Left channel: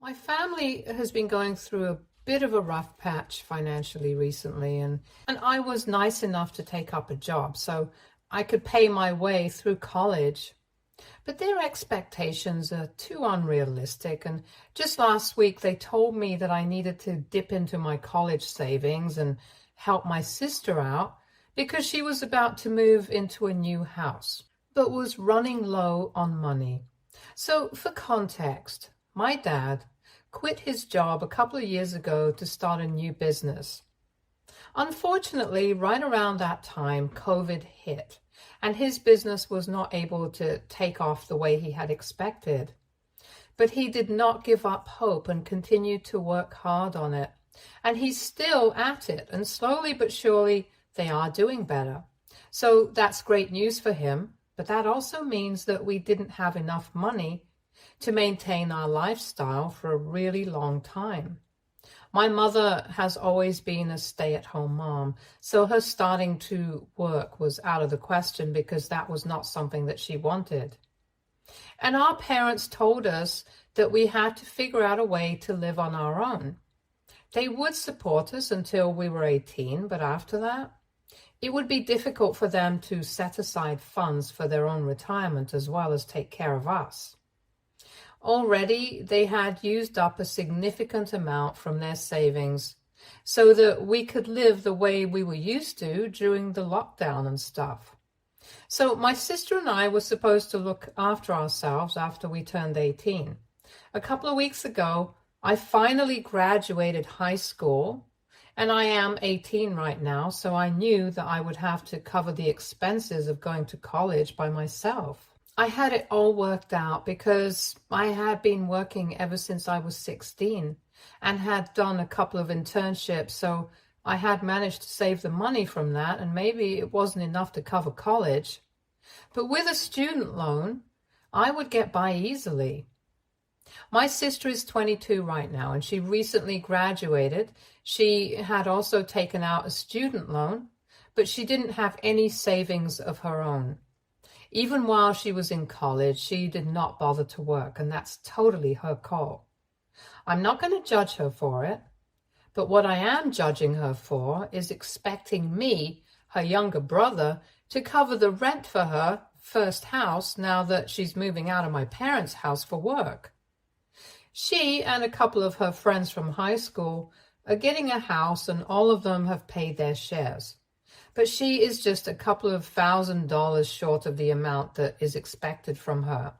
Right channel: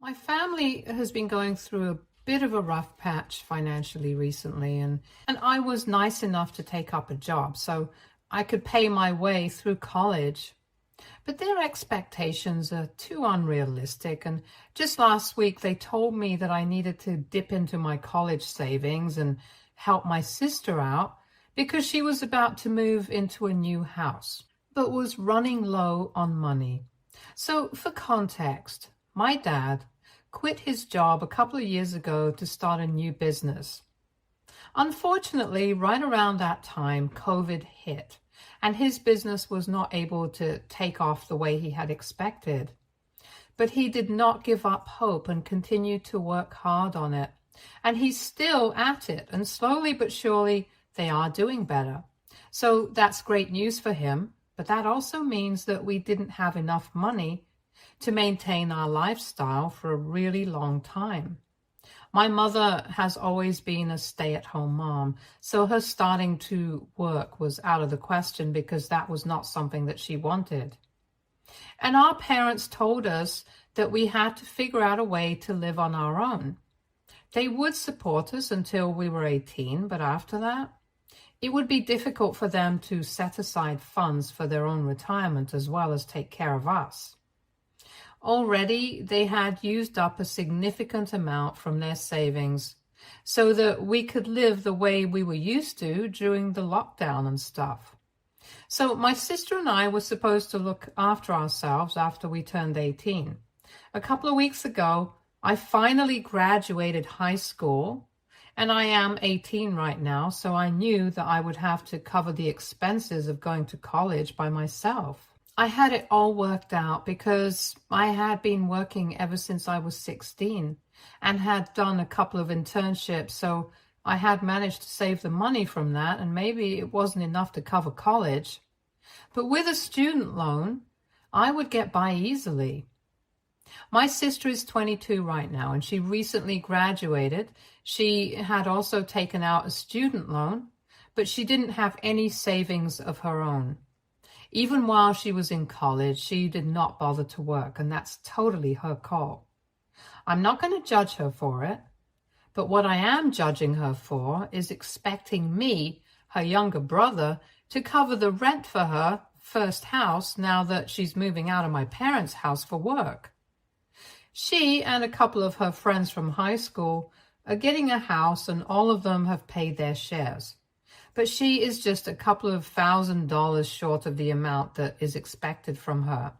My family has been going through a bit of a rough patch financially recently, and I was nice enough to take up a job so I could pay my way through college. But their expectations are too unrealistic, and just last week they told me that I needed to dip into my college savings and help my sister out because she was about to move into a new house, but was running low on money. So, for context, my dad quit his job a couple of years ago to start a new business. Unfortunately, right around that time, COVID hit, and his business was not able to take off the way he had expected. But he did not give up hope and continued to work hard on it. And he's still at it, and slowly but surely, they are doing better. So that's great news for him, but that also means that we didn't have enough money to maintain our lifestyle for a really long time. My mother has always been a stay-at-home mom, so her starting to work was out of the question because that was not something that she wanted. And our parents told us that we had to figure out a way to live on our own. They would support us until we were 18, but after that, it would be difficult for them to set aside funds for their own retirement as well as take care of us. Already, they had used up a significant amount from their savings so that we could live the way we were used to during the lockdown and stuff. So my sister and I were supposed to look after ourselves after we turned 18. A couple of weeks ago, I finally graduated high school, and I am 18 right now, so I knew that I would have to cover the expenses of going to college by myself. I had it all worked out because I had been working ever since I was 16 and had done a couple of internships, so I had managed to save the money from that, and maybe it wasn't enough to cover college. But with a student loan, I would get by easily. My sister is 22 right now, and she recently graduated. She had also taken out a student loan, but she didn't have any savings of her own. Even while she was in college, she did not bother to work, and that's totally her call. I'm not going to judge her for it, but what I am judging her for is expecting me, her younger brother, to cover the rent for her first house now that she's moving out of my parents' house for work. She and a couple of her friends from high school are getting a house, and all of them have paid their shares. But she is just a couple of $1,000 short of the amount that is expected from her.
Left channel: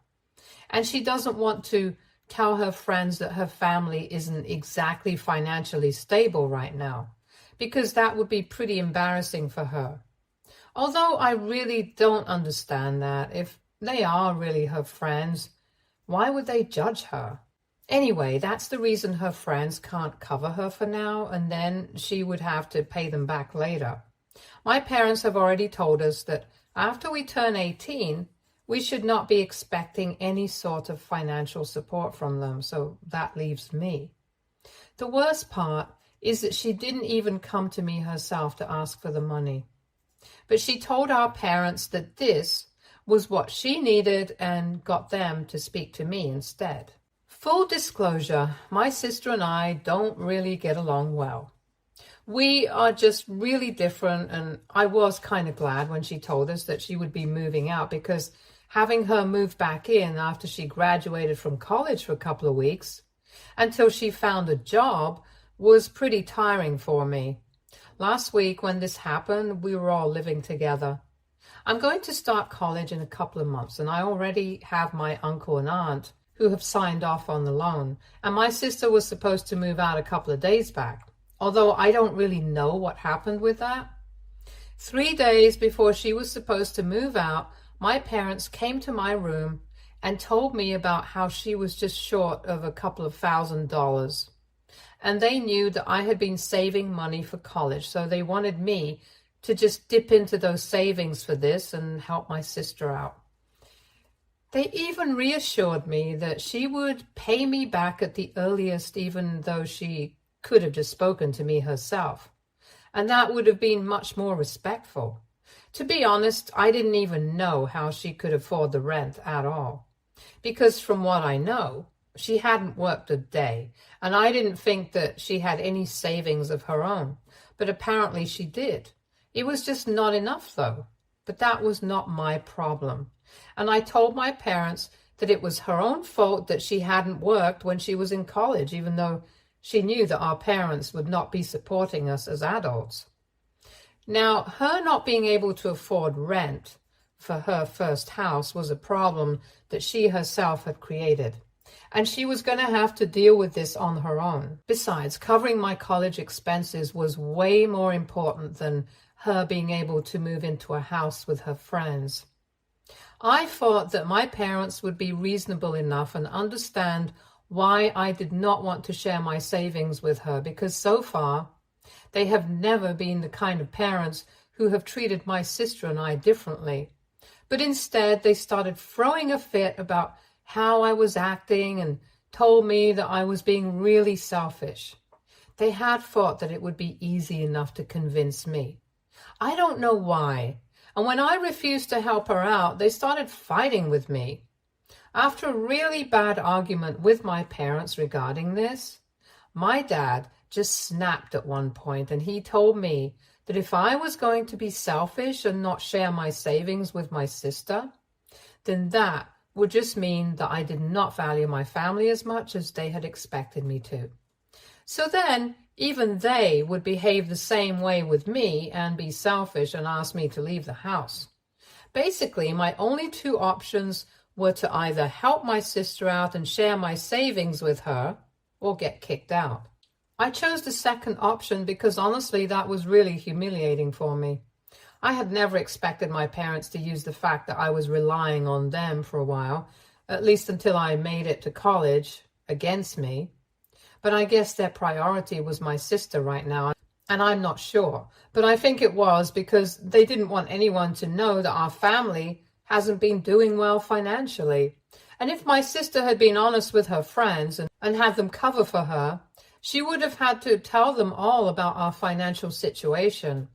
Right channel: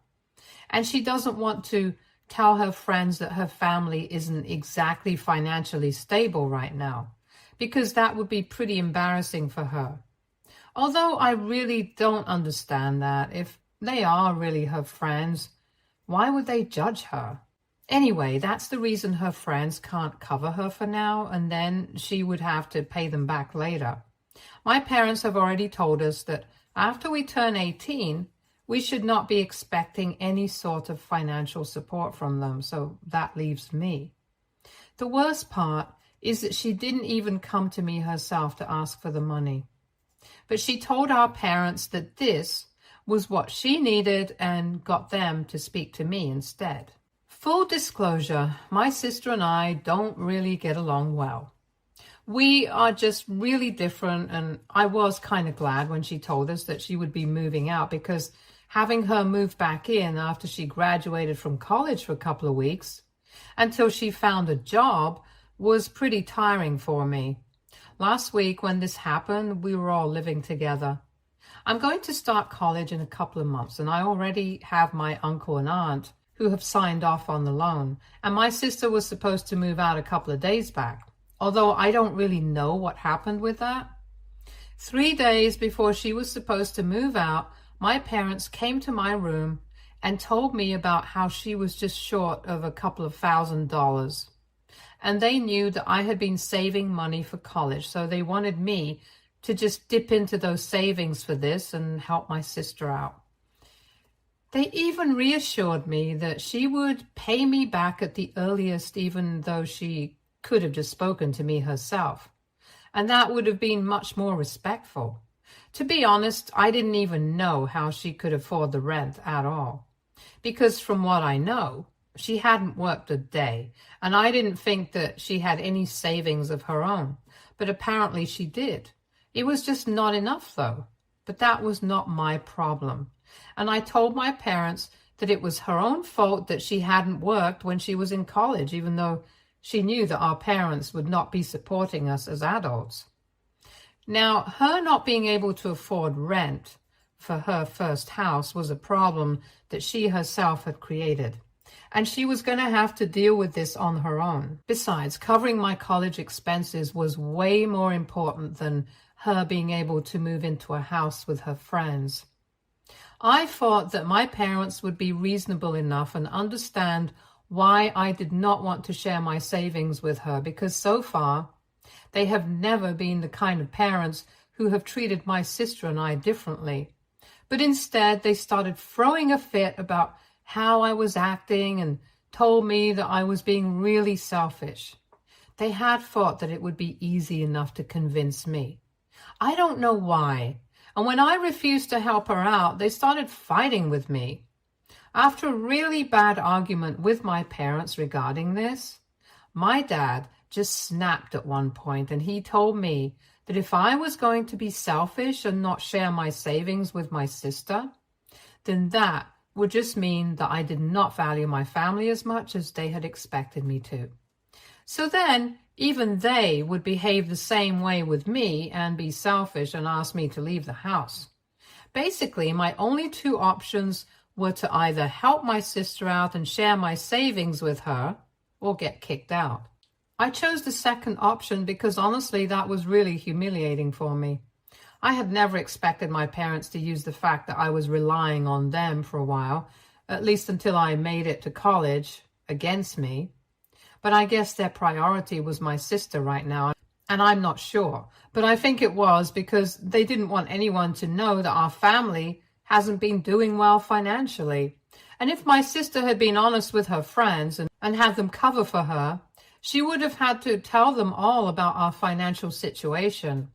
And she doesn't want to tell her friends that her family isn't exactly financially stable right now, because that would be pretty embarrassing for her. Although I really don't understand that. If they are really her friends, why would they judge her? Anyway, that's the reason her friends can't cover her for now, and then she would have to pay them back later. My parents have already told us that after we turn 18, we should not be expecting any sort of financial support from them, so that leaves me. The worst part is that she didn't even come to me herself to ask for the money. But she told our parents that this was what she needed and got them to speak to me instead. Full disclosure, my sister and I don't really get along well. We are just really different, and I was kind of glad when she told us that she would be moving out, because having her move back in after she graduated from college for a couple of weeks until she found a job was pretty tiring for me. Last week when this happened, we were all living together. I'm going to start college in a couple of months, and I already have my uncle and aunt who have signed off on the loan, and my sister was supposed to move out a couple of days back. Although I don't really know what happened with that. 3 days before she was supposed to move out, my parents came to my room and told me about how she was just short of a couple of $1,000. And they knew that I had been saving money for college, so they wanted me to just dip into those savings for this and help my sister out. They even reassured me that she would pay me back at the earliest, even though she could have just spoken to me herself. And that would have been much more respectful. To be honest, I didn't even know how she could afford the rent at all. Because from what I know, she hadn't worked a day, and I didn't think that she had any savings of her own, but apparently she did. It was just not enough, though. But that was not my problem. And I told my parents that it was her own fault that she hadn't worked when she was in college, even though she knew that our parents would not be supporting us as adults. Now, her not being able to afford rent for her first house was a problem that she herself had created, and she was going to have to deal with this on her own. Besides, covering my college expenses was way more important than her being able to move into a house with her friends. I thought that my parents would be reasonable enough and understand why I did not want to share my savings with her, because so far they have never been the kind of parents who have treated my sister and I differently. But instead, they started throwing a fit about how I was acting and told me that I was being really selfish. They had thought that it would be easy enough to convince me. I don't know why. And when I refused to help her out, they started fighting with me. After a really bad argument with my parents regarding this, my dad just snapped at one point, and he told me that if I was going to be selfish and not share my savings with my sister, then that would just mean that I did not value my family as much as they had expected me to. So then, even they would behave the same way with me and be selfish and ask me to leave the house. Basically, my only two options were to either help my sister out and share my savings with her or get kicked out. I chose the second option because honestly, that was really humiliating for me. I had never expected my parents to use the fact that I was relying on them for a while, at least until I made it to college, against me. But I guess their priority was my sister right now, and I'm not sure. But I think it was because they didn't want anyone to know that our family hasn't been doing well financially. And if my sister had been honest with her friends and had them cover for her, she would have had to tell them all about our financial situation.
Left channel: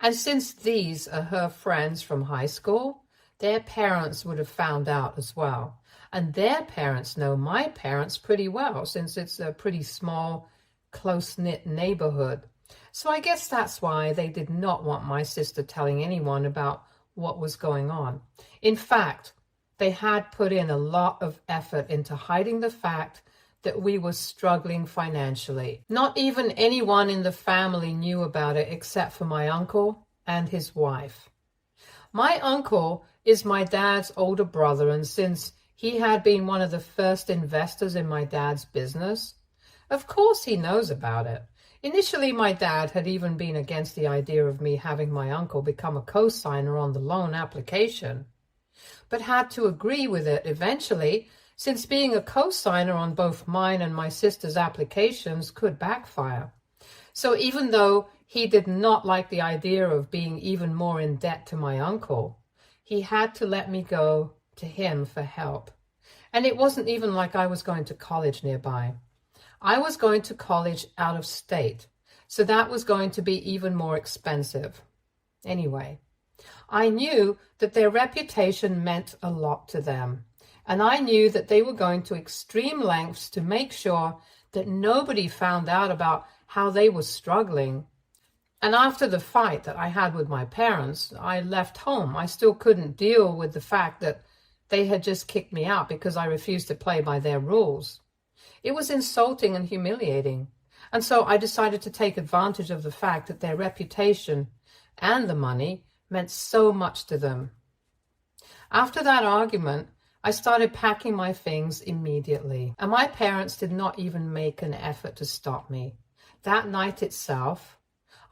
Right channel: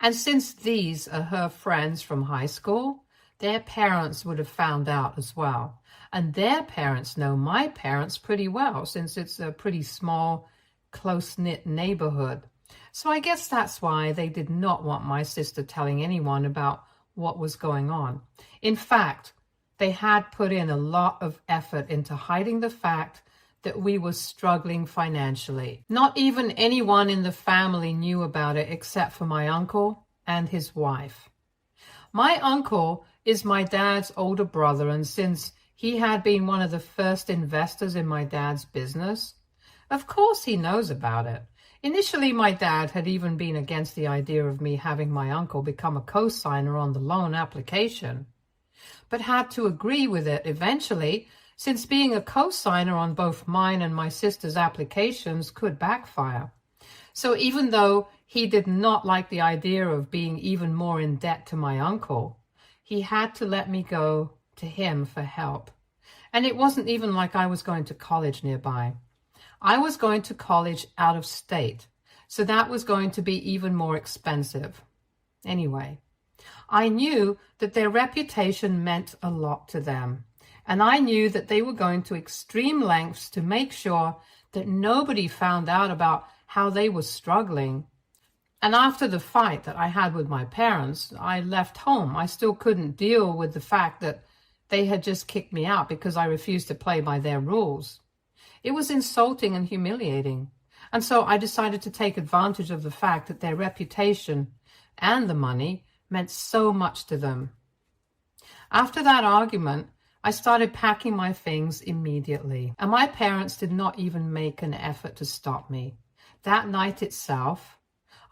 And since these are her friends from high school, their parents would have found out as well. And their parents know my parents pretty well, since it's a pretty small, close-knit neighborhood. So I guess that's why they did not want my sister telling anyone about what was going on. In fact, they had put in a lot of effort into hiding the fact that we were struggling financially. Not even anyone in the family knew about it except for my uncle and his wife. My uncle is my dad's older brother, and since he had been one of the first investors in my dad's business, of course he knows about it. Initially, my dad had even been against the idea of me having my uncle become a co-signer on the loan application, but had to agree with it eventually, since being a co-signer on both mine and my sister's applications could backfire. So even though he did not like the idea of being even more in debt to my uncle, he had to let me go to him for help. And it wasn't even like I was going to college nearby. I was going to college out of state, so that was going to be even more expensive. Anyway, I knew that their reputation meant a lot to them, and I knew that they were going to extreme lengths to make sure that nobody found out about how they were struggling. And after the fight that I had with my parents, I left home. I still couldn't deal with the fact that they had just kicked me out because I refused to play by their rules. It was insulting and humiliating. And so I decided to take advantage of the fact that their reputation and the money meant so much to them. After that argument, I started packing my things immediately, and my parents did not even make an effort to stop me. That night itself,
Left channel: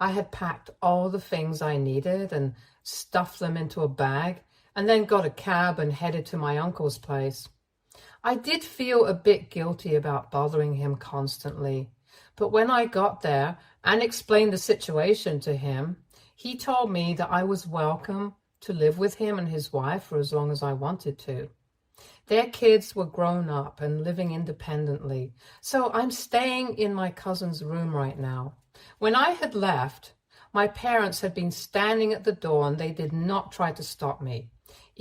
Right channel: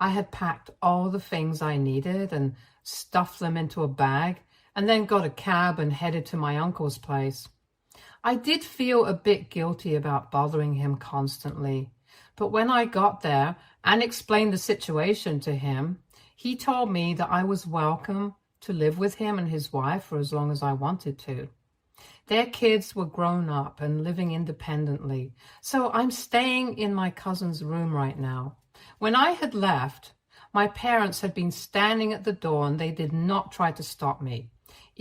I had packed all the things I needed and stuffed them into a bag, and then got a cab and headed to my uncle's place. I did feel a bit guilty about bothering him constantly, but when I got there and explained the situation to him, he told me that I was welcome to live with him and his wife for as long as I wanted to. Their kids were grown up and living independently, so I'm staying in my cousin's room right now. When I had left, my parents had been standing at the door and they did not try to stop me,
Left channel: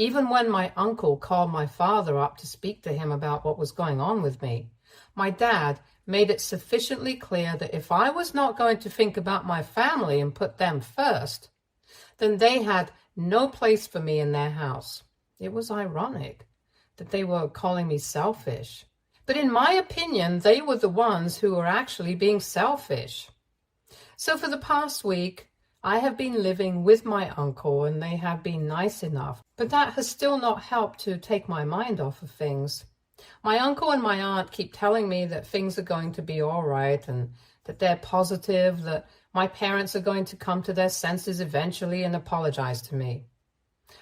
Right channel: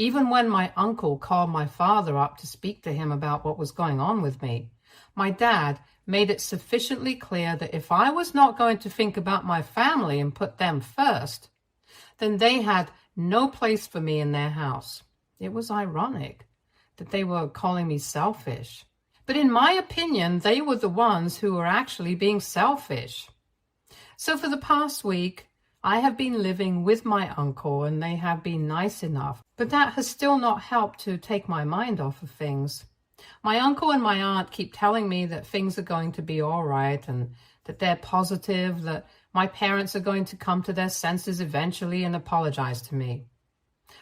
Even when my uncle called my father up to speak to him about what was going on with me, my dad made it sufficiently clear that if I was not going to think about my family and put them first, then they had no place for me in their house. It was ironic that they were calling me selfish. But in my opinion, they were the ones who were actually being selfish. So for the past week, I have been living with my uncle and they have been nice enough, but that has still not helped to take my mind off of things. My uncle and my aunt keep telling me that things are going to be all right and that they're positive, that my parents are going to come to their senses eventually and apologize to me.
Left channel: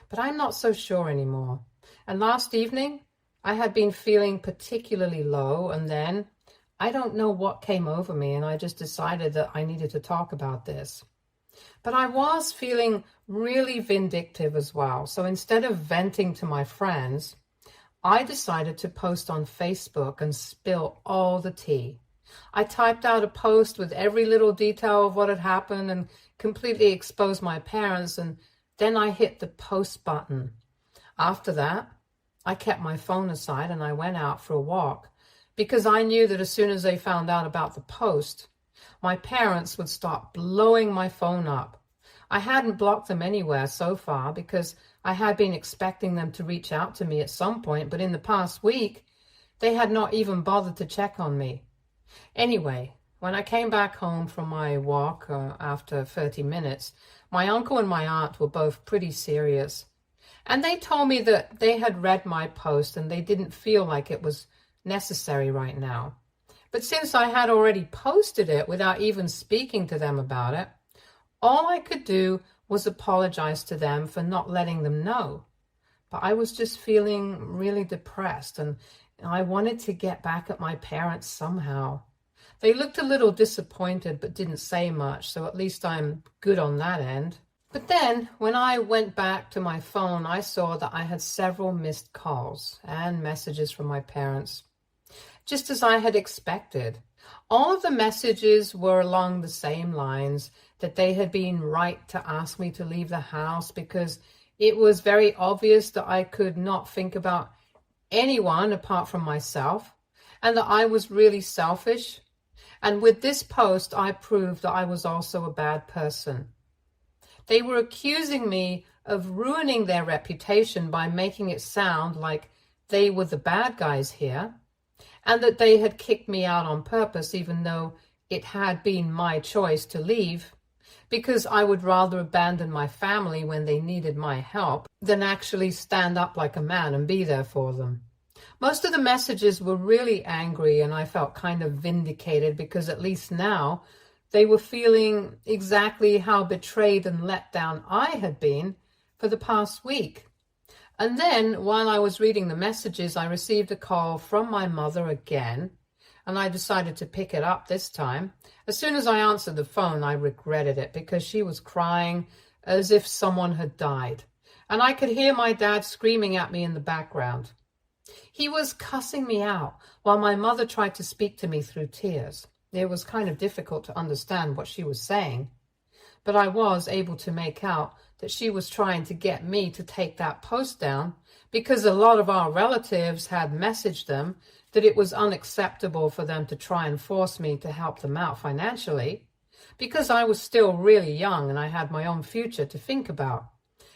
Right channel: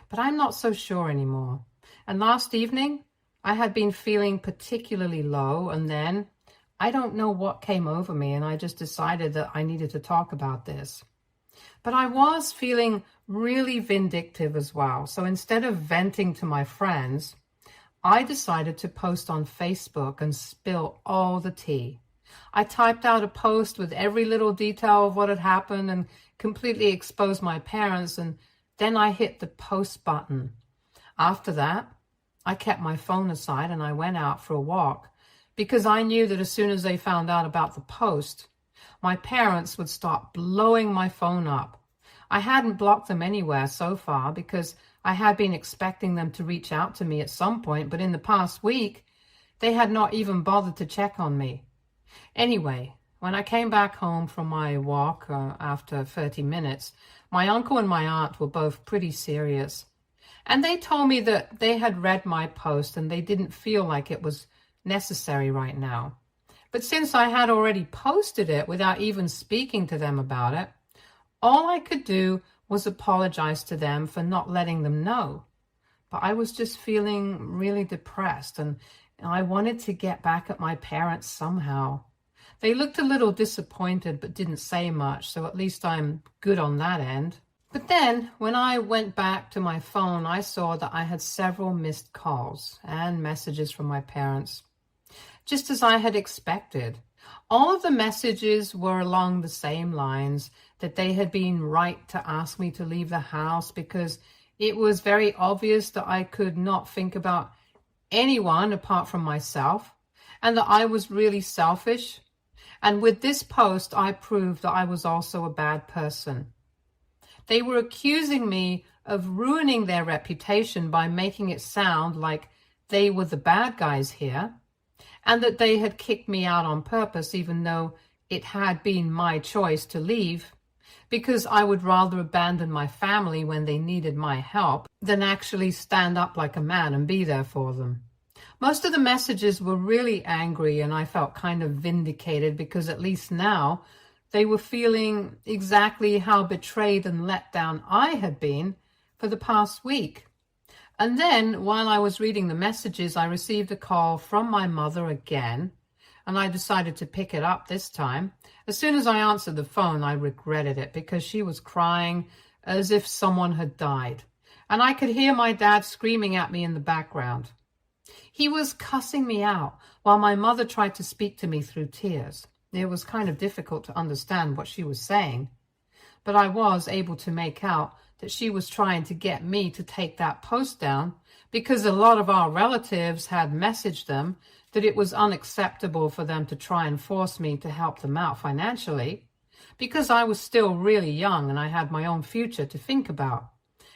But I'm not so sure anymore. And last evening, I had been feeling particularly low, and then I don't know what came over me, and I just decided that I needed to talk about this. But I was feeling really vindictive as well. So instead of venting to my friends, I decided to post on Facebook and spill all the tea. I typed out a post with every little detail of what had happened and completely exposed my parents, and then I hit the post button. After that, I kept my phone aside and I went out for a walk because I knew that as soon as they found out about the post, my parents would start blowing my phone up. I hadn't blocked them anywhere so far because I had been expecting them to reach out to me at some point, but in the past week, they had not even bothered to check on me. Anyway, when I came back home from my walk after 30 minutes, my uncle and my aunt were both pretty serious. And they told me that they had read my post and they didn't feel like it was necessary right now. But since I had already posted it without even speaking to them about it, all I could do was apologize to them for not letting them know. But I was just feeling really depressed and I wanted to get back at my parents somehow. They looked a little disappointed but didn't say much, so at least I'm good on that end. But then, when I went back to my phone, I saw that I had several missed calls and messages from my parents, just as I had expected. All of the messages were along the same lines, that they had been right to ask me to leave the house because it was very obvious that I could not think about anyone apart from myself, and that I was really selfish. And with this post, I proved that I was also a bad person. They were accusing me of ruining their reputation by making it sound like they were the bad guys here, and that they had kicked me out on purpose, even though it had been my choice to leave, because I would rather abandon my family when they needed my help than actually stand up like a man and be there for them. Most of the messages were really angry, and I felt kind of vindicated because at least now they were feeling exactly how betrayed and let down I had been for the past week. And then, while I was reading the messages, I received a call from my mother again, and I decided to pick it up this time. As soon as I answered the phone, I regretted it because she was crying as if someone had died. And I could hear my dad screaming at me in the background. He was cussing me out while my mother tried to speak to me through tears. It was kind of difficult to understand what she was saying, but I was able to make out that she was trying to get me to take that post down because a lot of our relatives had messaged them that it was unacceptable for them to try and force me to help them out financially because I was still really young and I had my own future to think about.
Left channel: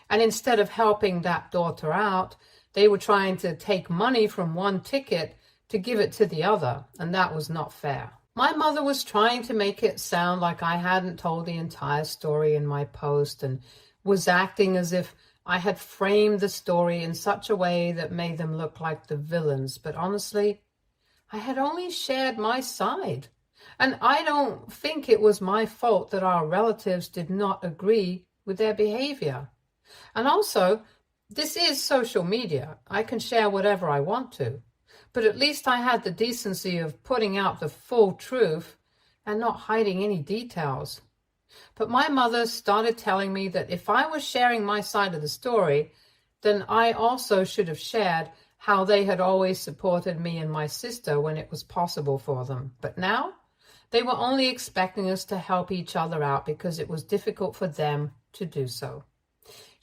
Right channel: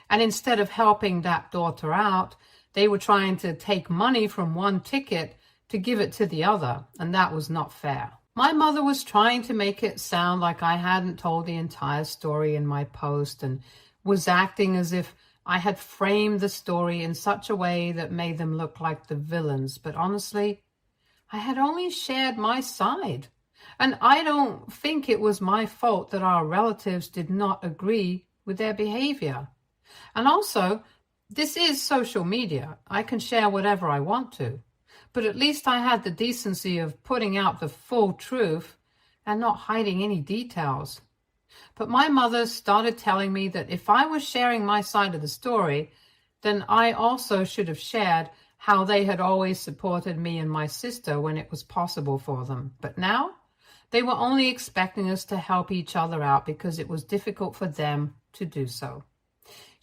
And instead of helping that daughter out, they were trying to take money from one ticket to give it to the other, and that was not fair. My mother was trying to make it sound like I hadn't told the entire story in my post and was acting as if I had framed the story in such a way that made them look like the villains. But honestly, I had only shared my side. And I don't think it was my fault that our relatives did not agree with their behavior. And also, this is social media. I can share whatever I want to. But at least I had the decency of putting out the full truth and not hiding any details. But my mother started telling me that if I was sharing my side of the story, then I also should have shared how they had always supported me and my sister when it was possible for them. But now, they were only expecting us to help each other out because it was difficult for them to do so.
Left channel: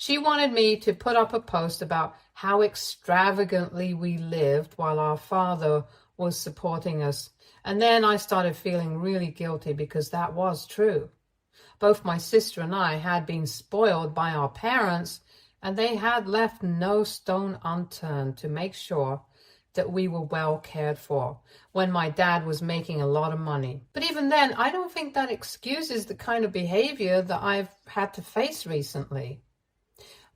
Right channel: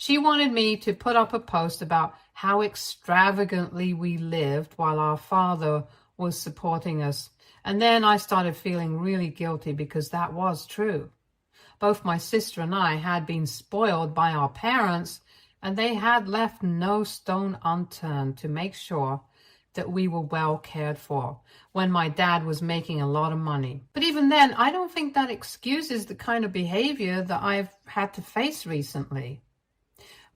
She wanted me to put up a post about how extravagantly we lived while our father was supporting us. And then I started feeling really guilty because that was true. Both my sister and I had been spoiled by our parents, and they had left no stone unturned to make sure that we were well cared for when my dad was making a lot of money. But even then, I don't think that excuses the kind of behavior that I've had to face recently.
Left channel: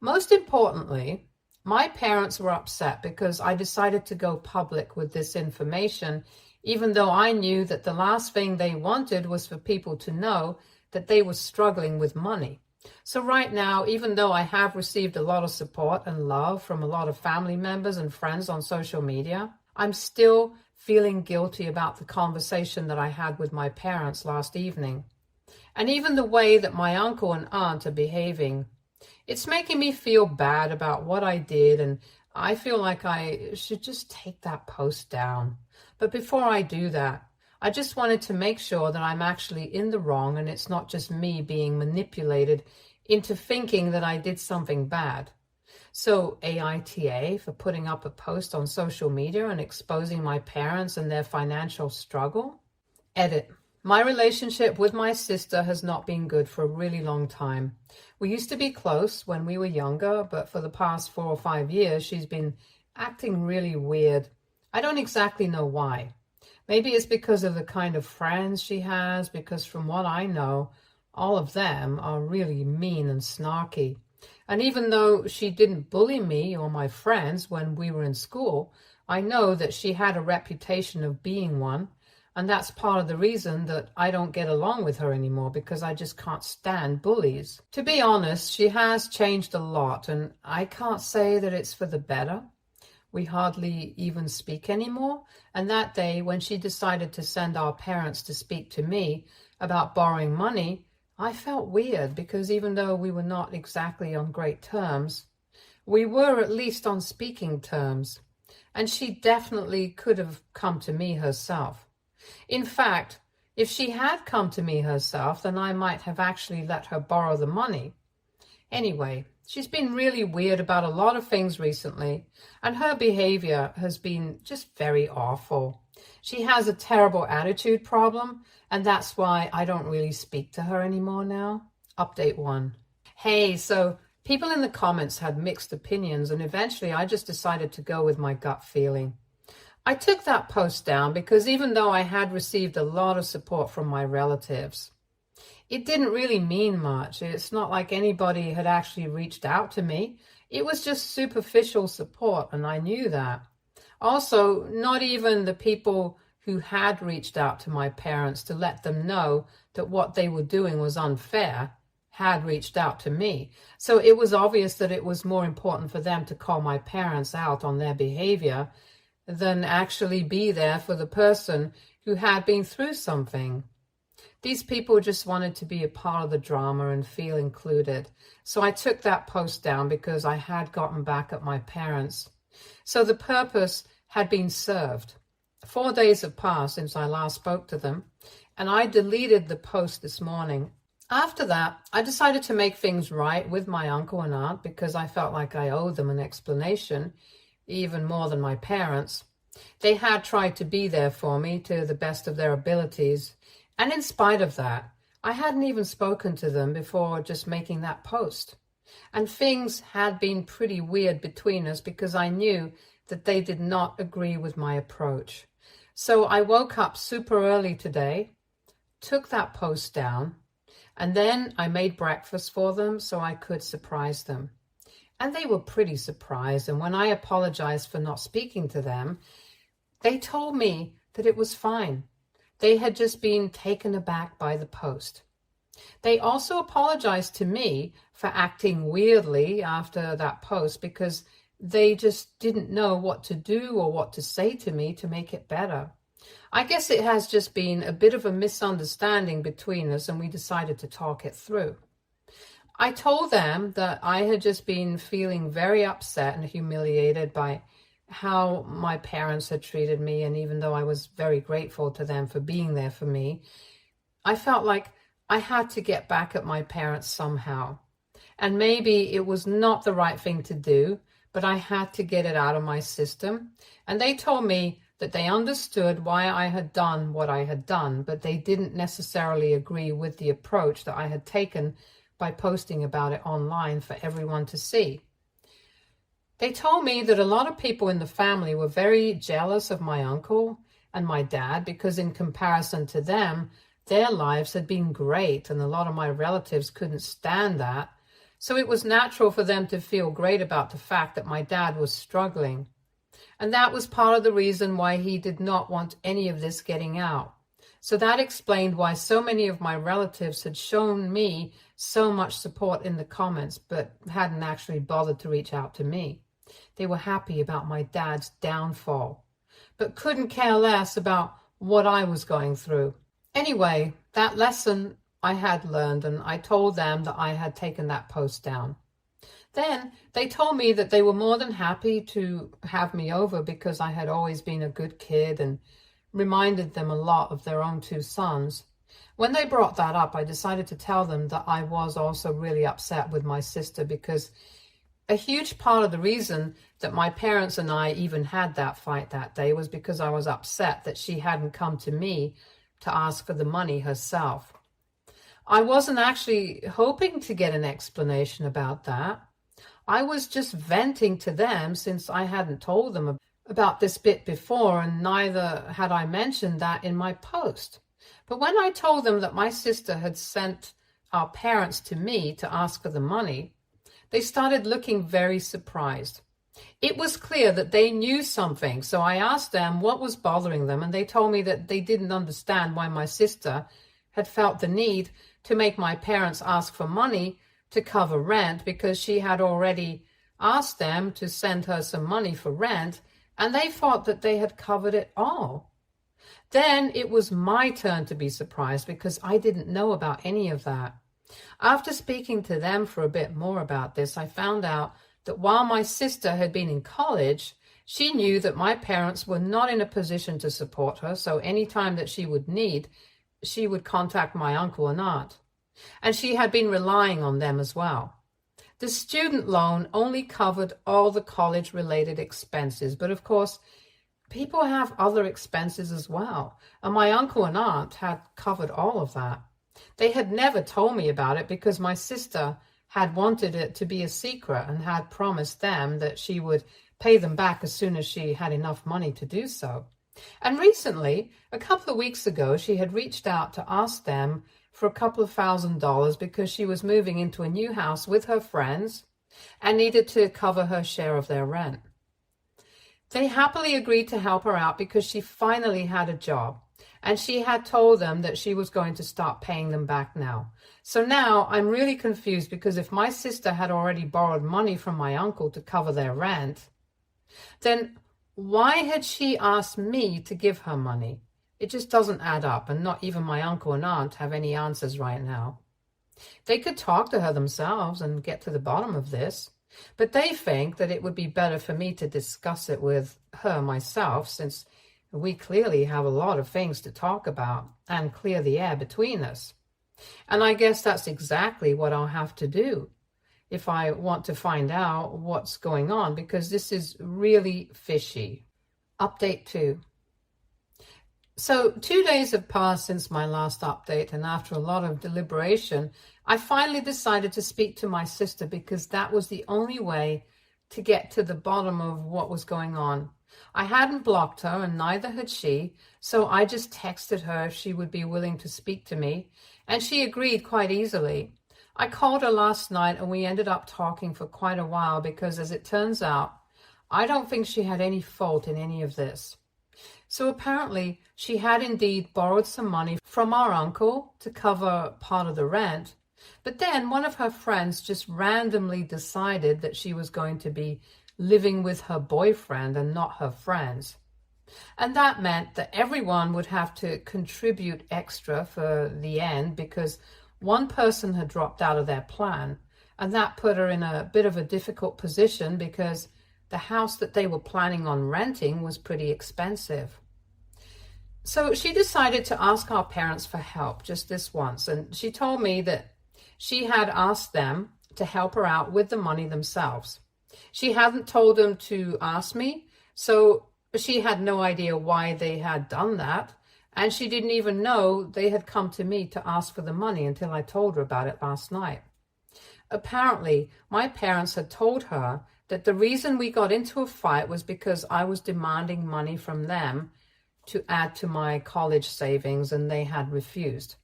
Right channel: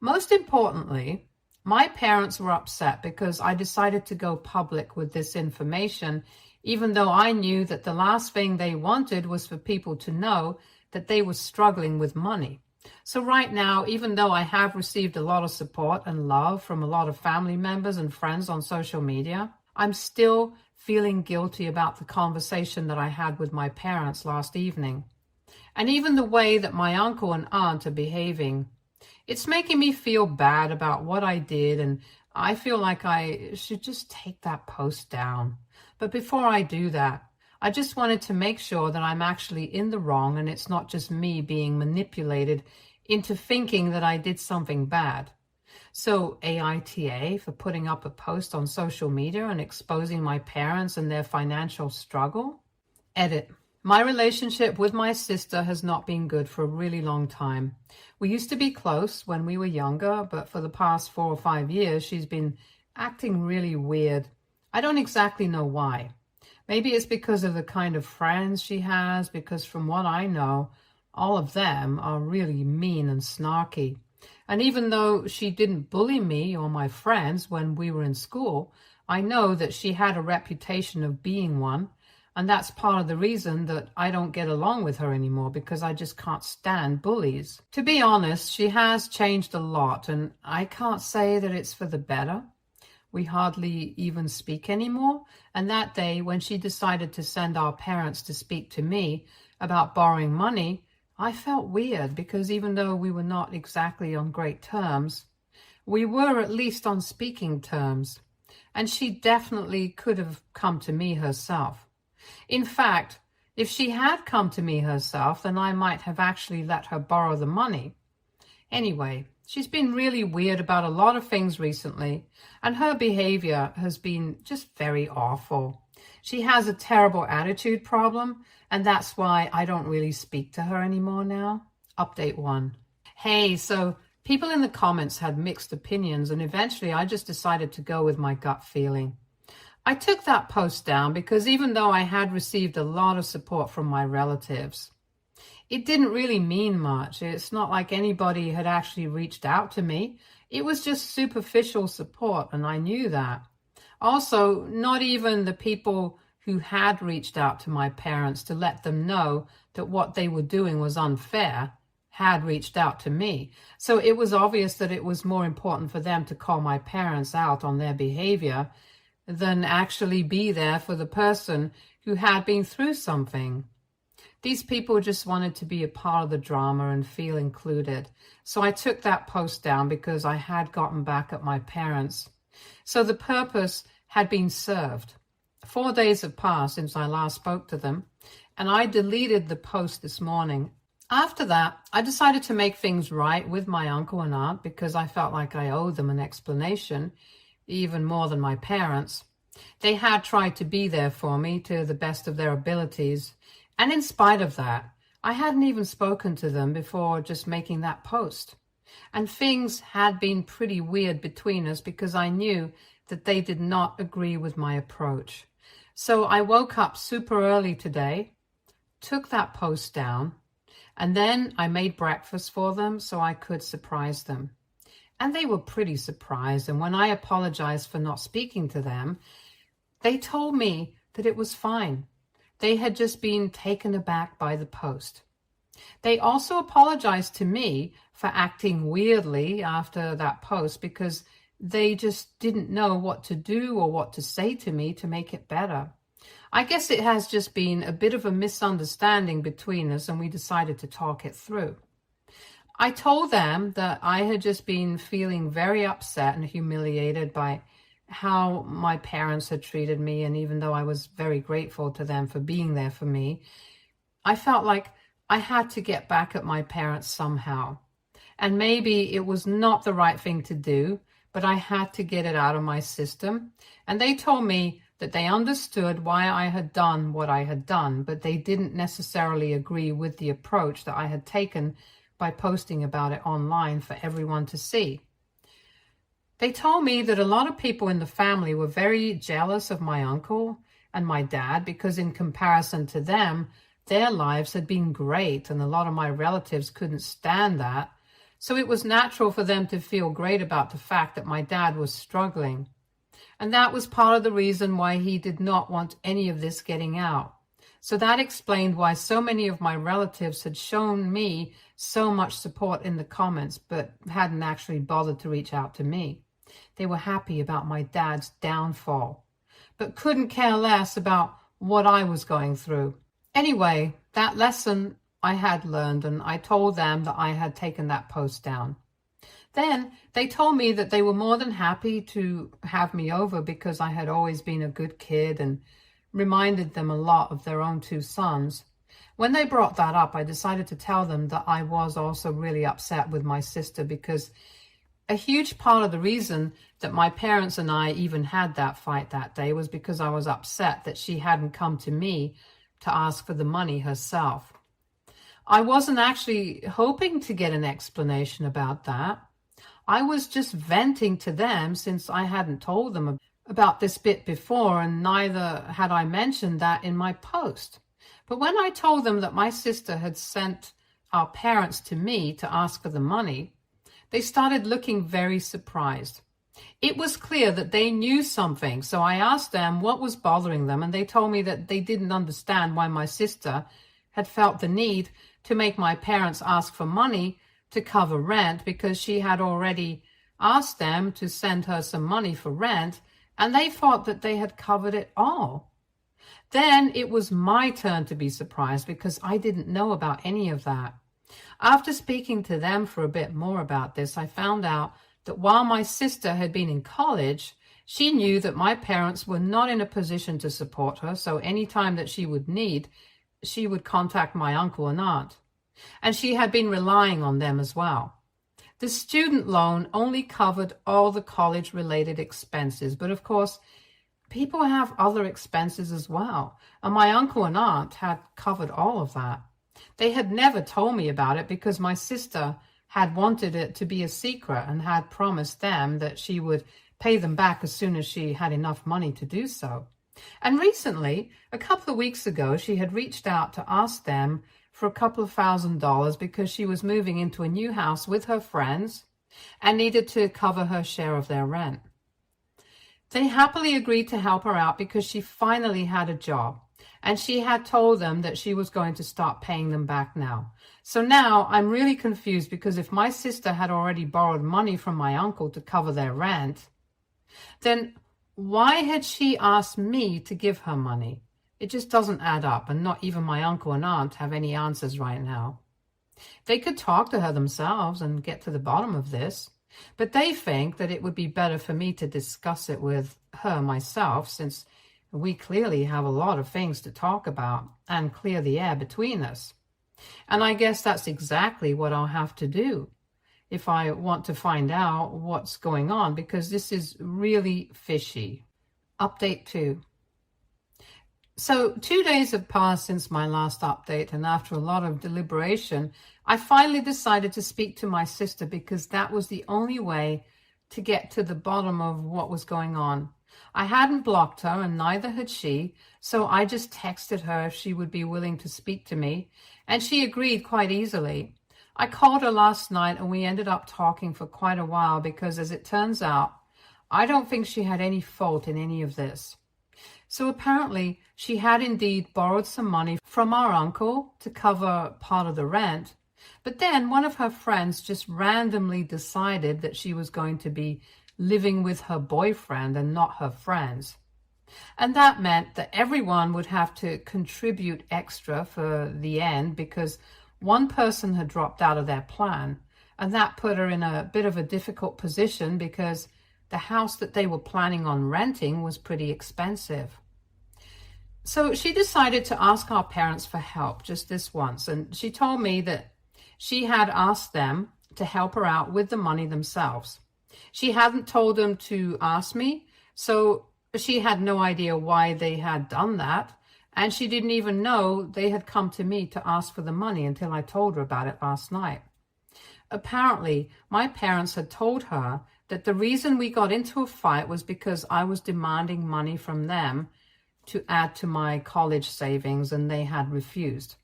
Most importantly, my parents were upset because I decided to go public with this information, even though I knew that the last thing they wanted was for people to know that they were struggling with money. So right now, even though I have received a lot of support and love from a lot of family members and friends on social media, I'm still feeling guilty about the conversation that I had with my parents last evening. And even the way that my uncle and aunt are behaving. It's making me feel bad about what I did, and I feel like I should just take that post down. But before I do that, I just wanted to make sure that I'm actually in the wrong and it's not just me being manipulated into thinking that I did something bad. So AITA for putting up a post on social media and exposing my parents and their financial struggle. Edit. My relationship with my sister has not been good for a really long time. We used to be close when we were younger, but for the past 4 or 5 years, she's been acting really weird. I don't exactly know why. Maybe it's because of the kind of friends she has, because from what I know, all of them are really mean and snarky. And even though she didn't bully me or my friends when we were in school, I know that she had a reputation of being one. And that's part of the reason that I don't get along with her anymore, because I just can't stand bullies. To be honest, she has changed a lot, and I can't say that it's for the better. We hardly even speak anymore. And that day, when she decided to send our parents to speak to me about borrowing money, I felt weird because even though we were not exactly on great terms, we were at least on speaking terms. And she definitely could have come to me herself. In fact, if she had come to me herself, then I might have actually let her borrow the money. Anyway, she's been really weird about a lot of things recently, and her behavior has been just very awful. She has a terrible attitude problem, and that's why I don't really speak to her anymore now. Update 1. Hey, so people in the comments had mixed opinions, and eventually I just decided to go with my gut feeling. I took that post down because even though I had received a lot of support from my relatives, it didn't really mean much. It's not like anybody had actually reached out to me. It was just superficial support, and I knew that. Also, not even the people who had reached out to my parents to let them know that what they were doing was unfair had reached out to me. So it was obvious that it was more important for them to call my parents out on their behavior than actually be there for the person who had been through something. These people just wanted to be a part of the drama and feel included. So I took that post down because I had gotten back at my parents. So the purpose had been served. 4 days have passed since I last spoke to them, and I deleted the post this morning. After that, I decided to make things right with my uncle and aunt because I felt like I owed them an explanation, even more than my parents. They had tried to be there for me to the best of their abilities, and in spite of that, I hadn't even spoken to them before just making that post. And things had been pretty weird between us because I knew that they did not agree with my approach. So I woke up super early today, took that post down, and then I made breakfast for them so I could surprise them. And they were pretty surprised, and when I apologized for not speaking to them, they told me that it was fine. They had just been taken aback by the post. They also apologized to me for acting weirdly after that post because they just didn't know what to do or what to say to me to make it better. I guess it has just been a bit of a misunderstanding between us, and we decided to talk it through. I told them that I had just been feeling very upset and humiliated by how my parents had treated me, and even though I was very grateful to them for being there for me, I felt like I had to get back at my parents somehow. and maybe it was not the right thing to do, but I had to get it out of my system. And they told me that they understood why I had done what I had done, but they didn't necessarily agree with the approach that I had taken by posting about it online for everyone to see. They told me that a lot of people in the family were very jealous of my uncle and my dad because in comparison to them, their lives had been great, and a lot of my relatives couldn't stand that. So it was natural for them to feel great about the fact that my dad was struggling. And that was part of the reason why he did not want any of this getting out. So that explained why so many of my relatives had shown me so much support in the comments, but hadn't actually bothered to reach out to me. They were happy about my dad's downfall, but couldn't care less about what I was going through. Anyway, that lesson I had learned, and I told them that I had taken that post down. Then they told me that they were more than happy to have me over because I had always been a good kid and reminded them a lot of their own two sons. When they brought that up, I decided to tell them that I was also really upset with my sister because a huge part of the reason that my parents and I even had that fight that day was because I was upset that she hadn't come to me to ask for the money herself. I wasn't actually hoping to get an explanation about that. I was just venting to them since I hadn't told them about this bit before, and neither had I mentioned that in my post. But when I told them that my sister had sent our parents to me to ask for the money, they started looking very surprised. It was clear that they knew something, so I asked them what was bothering them, and they told me that they didn't understand why my sister had felt the need to make my parents ask for money to cover rent because she had already asked them to send her some money for rent, and they thought that they had covered it all. Then it was my turn to be surprised because I didn't know about any of that. After speaking to them for a bit more about this, I found out that while my sister had been in college, she knew that my parents were not in a position to support her, so any time that she would need, she would contact my uncle and aunt. And she had been relying on them as well. The student loan only covered all the college-related expenses, but of course, people have other expenses as well, and my uncle and aunt had covered all of that. They had never told me about it because my sister had wanted it to be a secret and had promised them that she would pay them back as soon as she had enough money to do so. And recently, a couple of weeks ago, she had reached out to ask them for a couple of $1,000 because she was moving into a new house with her friends and needed to cover her share of their rent. They happily agreed to help her out because she finally had a job, and she had told them that she was going to start paying them back now. So now I'm really confused because if my sister had already borrowed money from my uncle to cover their rent, then why had she asked me to give her money? It just doesn't add up, and not even my uncle and aunt have any answers right now. They could talk to her themselves and get to the bottom of this, but they think that it would be better for me to discuss it with her myself, since we clearly have a lot of things to talk about and clear the air between us. And I guess that's exactly what I'll have to do if I want to find out what's going on, because this is really fishy. Update 2. So 2 days have passed since my last update, and after a lot of deliberation, I finally decided to speak to my sister because that was the only way to get to the bottom of what was going on. I hadn't blocked her, and neither had she, so I just texted her if she would be willing to speak to me, and she agreed quite easily. I called her last night, and we ended up talking for quite a while because, as it turns out, I don't think she had any fault in any of this. So apparently, she had indeed borrowed some money from our uncle to cover part of the rent, but then one of her friends just randomly decided that she was going to be living with her boyfriend and not her friends. And that meant that everyone would have to contribute extra for the end because one person had dropped out of their plan, and that put her in a bit of a difficult position because the house that they were planning on renting was pretty expensive. So she decided to ask our parents for help just this once, and she told me that she had asked them to help her out with the money themselves. She hadn't told them to ask me, so she had no idea why they had done that, and she didn't even know they had come to me to ask for the money until I told her about it last night. Apparently, my parents had told her that the reason we got into a fight was because I was demanding money from them to add to my college savings, and they had refused.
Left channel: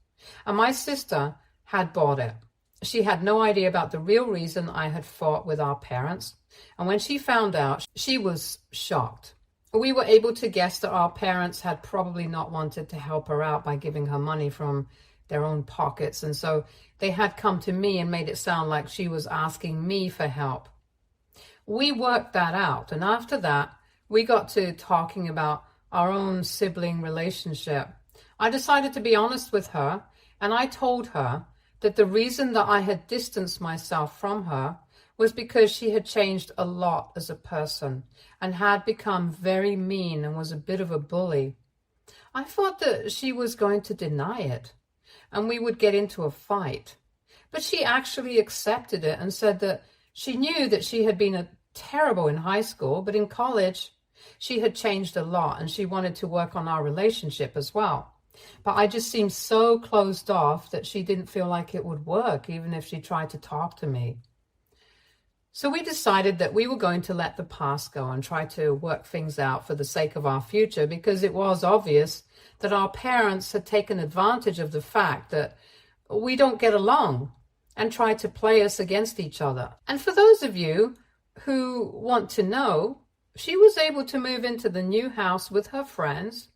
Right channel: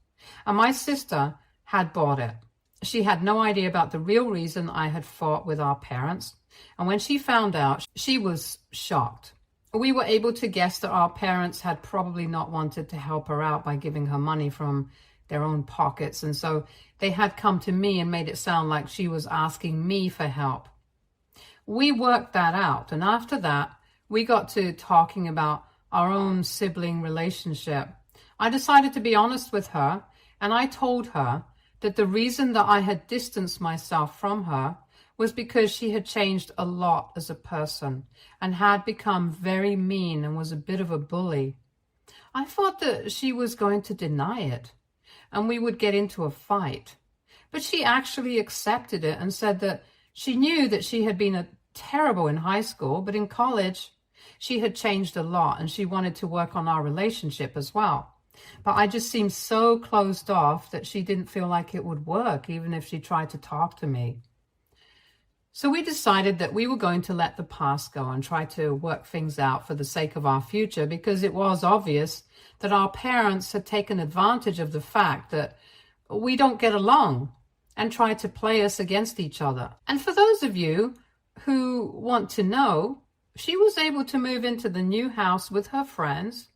And my sister had bought it. She had no idea about the real reason I had fought with our parents, and when she found out, she was shocked. We were able to guess that our parents had probably not wanted to help her out by giving her money from their own pockets, and so they had come to me and made it sound like she was asking me for help. We worked that out, and after that, we got to talking about our own sibling relationship. I decided to be honest with her, and I told her that the reason that I had distanced myself from her was because she had changed a lot as a person and had become very mean and was a bit of a bully. I thought that she was going to deny it and we would get into a fight. But she actually accepted it and said that she knew that she had been terrible in high school, but in college she had changed a lot and she wanted to work on our relationship as well. But I just seemed so closed off that she didn't feel like it would work, even if she tried to talk to me. So we decided that we were going to let the past go and try to work things out for the sake of our future, because it was obvious that our parents had taken advantage of the fact that we don't get along and tried to play us against each other. And for those of you who want to know, she was able to move into the new house with her friends,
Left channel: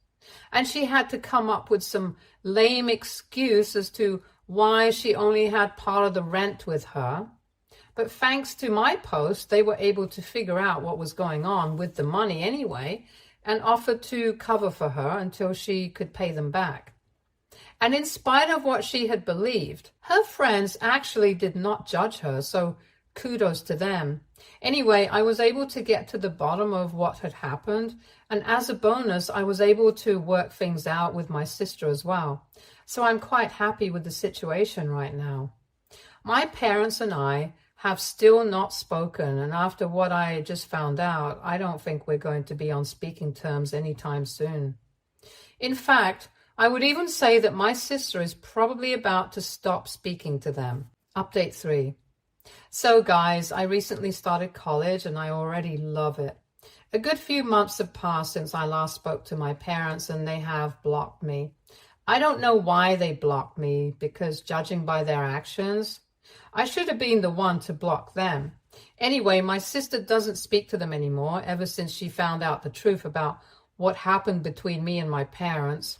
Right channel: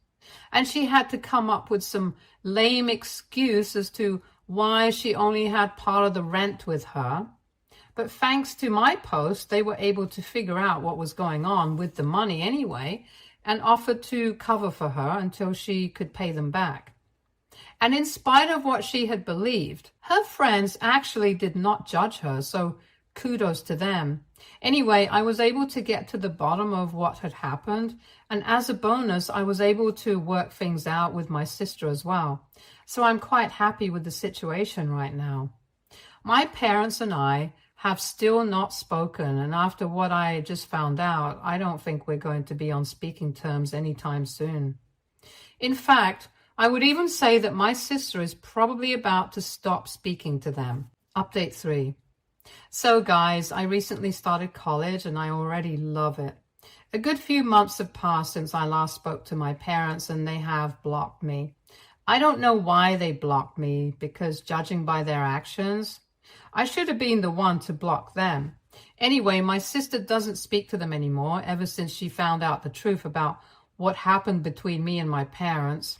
and she had to come up with some lame excuse as to why she only had part of the rent with her. But thanks to my post, they were able to figure out what was going on with the money anyway and offered to cover for her until she could pay them back. And in spite of what she had believed, her friends actually did not judge her, so kudos to them. Anyway, I was able to get to the bottom of what had happened, and as a bonus, I was able to work things out with my sister as well. So I'm quite happy with the situation right now. My parents and I have still not spoken, and after what I just found out, I don't think we're going to be on speaking terms anytime soon. In fact, I would even say that my sister is probably about to stop speaking to them. Update 3. So guys, I recently started college and I already love it. A good few months have passed since I last spoke to my parents and they have blocked me. I don't know why they blocked me, because judging by their actions, I should have been the one to block them. Anyway, my sister doesn't speak to them anymore ever since she found out the truth about what happened between me and my parents.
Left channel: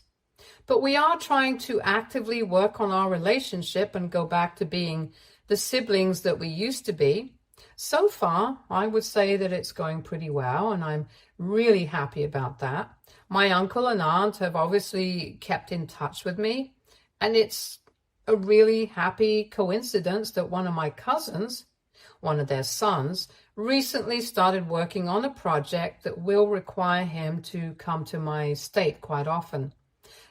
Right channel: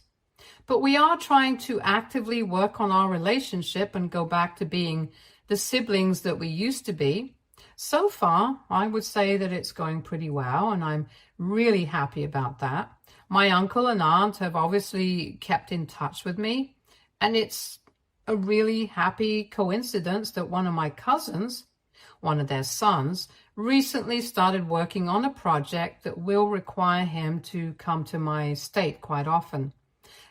But we are trying to actively work on our relationship and go back to being the siblings that we used to be. So far, I would say that it's going pretty well, and I'm really happy about that. My uncle and aunt have obviously kept in touch with me, and it's a really happy coincidence that one of my cousins, one of their sons, recently started working on a project that will require him to come to my state quite often.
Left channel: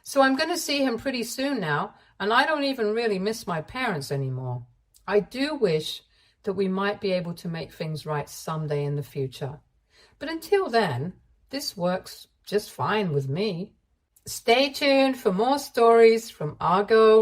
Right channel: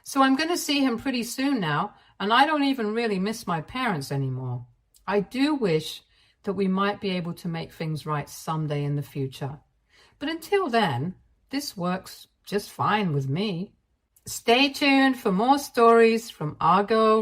So I'm going to see him pretty soon now, and I don't even really miss my parents anymore. I do wish that we might be able to make things right someday in the future. But until then, this works just fine with me. Stay tuned for more stories from our girl